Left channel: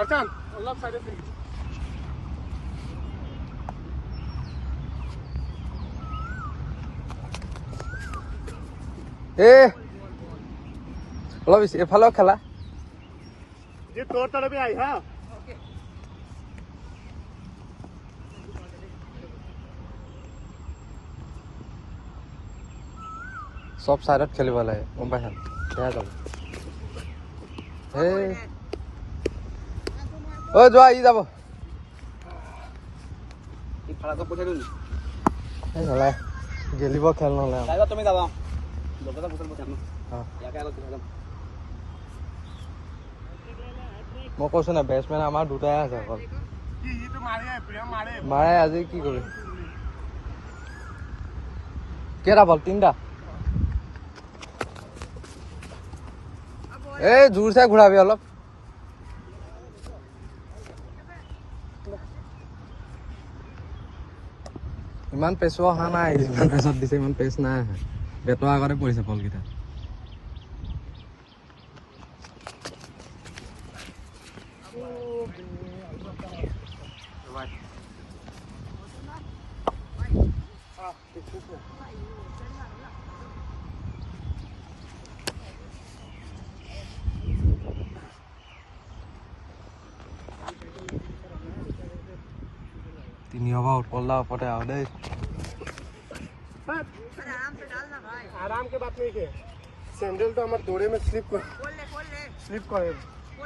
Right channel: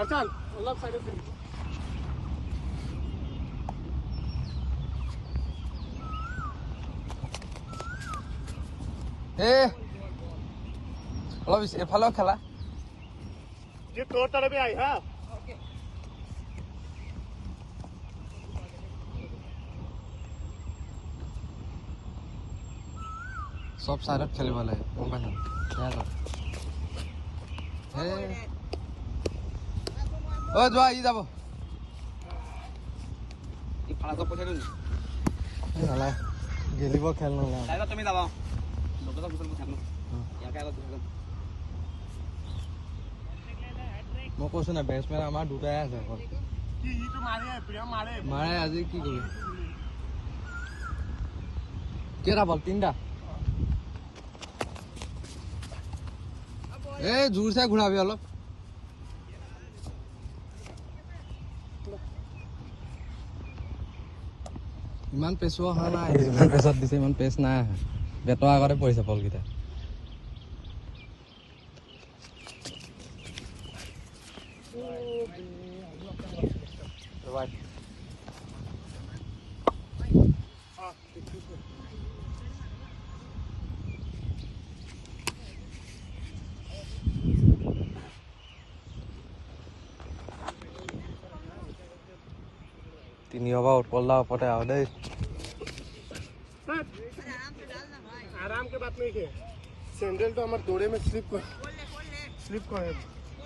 আচ্ছা অলপ সাইডে থাকি অলপ এফালেও খেলা যে তোর তরফে আই হ্যাঁ সব সাইডত খেলিব লাগে গম পাইছা সেয়া যাব যোৱা ই যাব গেলিব খেল নহ'লে তুমি যাবা মই কৈছো না বেটছমেন আমাৰ দুটাই আছে অকল মাৰে আজি কি কৰিবি কেইটা বল তিনিটা এই জোৰছে ঘূৰাবি অলপ ইমান পেচো অহা নাই পেচত দিছে ইমান পেচ নাই অহা বেটৰ আগতে পৰিছে বলকেইটা তিনি over उत्पल दा ओपटे आओ दे आराम के बात नहीं है सैंडल तो हमारे दौड़े में स्लिप करे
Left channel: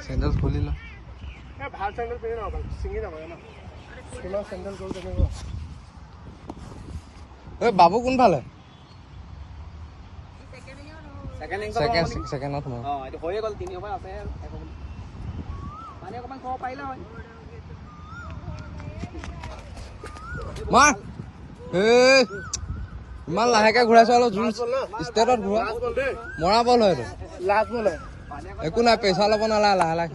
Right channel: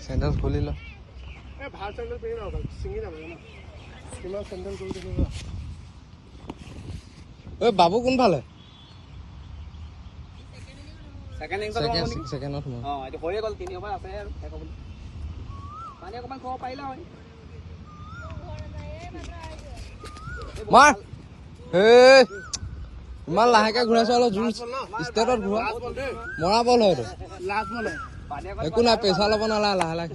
सैंडल खोली लो बाहर सैंडल पहने ना सिंगी ना ना सिंगल सैंडल गोल करने ए बाबू কোন ভালে সেকেন্ড নট এটা হয়ে গল 3 ওভার আছে পানি অকমান কম পাইলা হয় মই ইমান লাহেকে ঘূৰাইছো অলপ জোৰ ষ্টেটত ঘূৰা মৰা বল হয় এইটো লাষ্ট বল একো নাই পেচা ল'ব নালাগে লাহে লাহে